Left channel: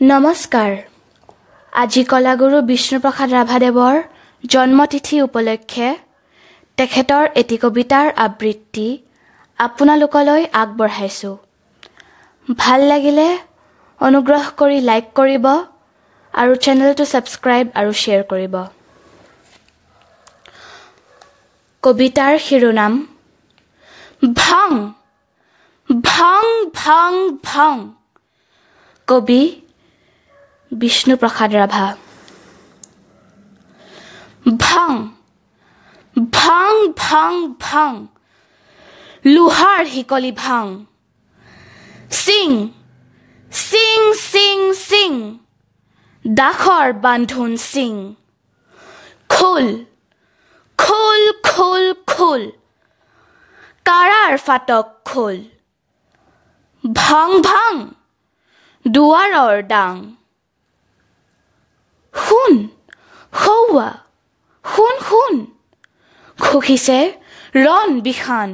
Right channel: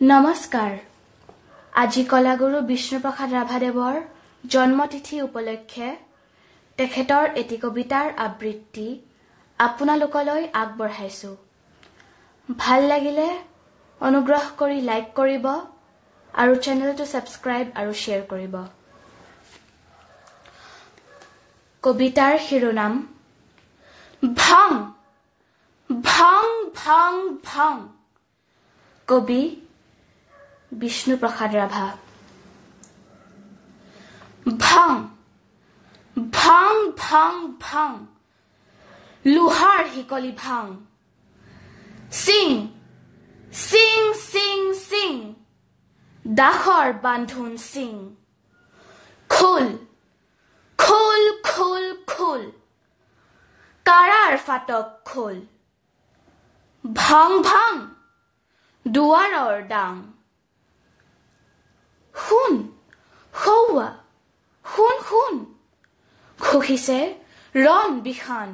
নমস্কাৰ আজি কলাগুৰু বিষ্ণুপ্ৰসাদ ৰাভাদেৱৰ জন্মতিথি উপলক্ষে তেখেতৰ এটি কবিতাৰ আবৃত্তি আপোনালোকলৈ আগবঢ়াইছো। ভাল লাগিলে অনুগ্ৰহ কৰি লাইক কৰিব আৰু চেনেলটো সাবস্ক্ৰাইব আৰু শ্বেয়াৰ কৰিব। কবিতাৰ শিৰোনাম ভাং ভাং ভাং ভাং। কবি বিষ্ণুপ্ৰসাদ ৰাভা। ভাং ভাং ভাং ভাং লোহাৰ শিকলি ভাং। সিং সিং সিং সিং দাখৰ বান্ধোন সিং। খোল খোল খোল খোল কাৰাৰ ফাটক খোল। ভাং ভাং দুৱাৰৰ ডাং। শুন সৌৱা শুন শুন খুখিছে ৰণ বিখান।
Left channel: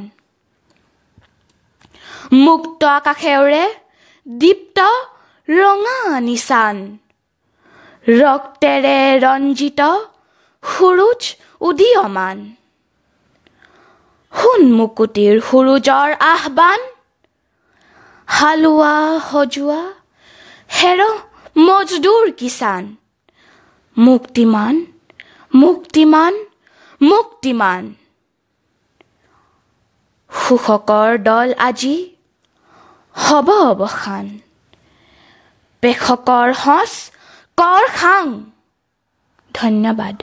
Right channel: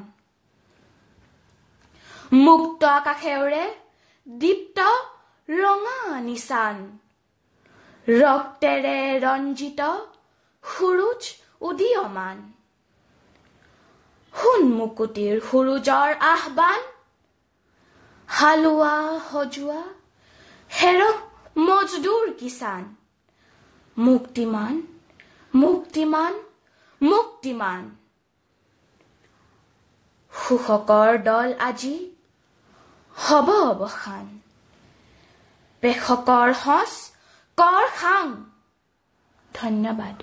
মুক্ত আকাশেৰে দীপ্ত ৰঙা নিচান। ৰক্তেৰে ৰঞ্জিত সুৰুজ উদীয়মান। শুন মুকুতিৰ সুৰুজৰ আহ্বান। হালোৱা সজোৱা হেৰ মজদুৰ কিষাণ। মুক্তিমান মুক্তিমান মুক্তিমান শোষকৰ দল আজি হ'ব অৱসান। পেষকৰ সঁচ কৰ খাং। ধন্যবাদ।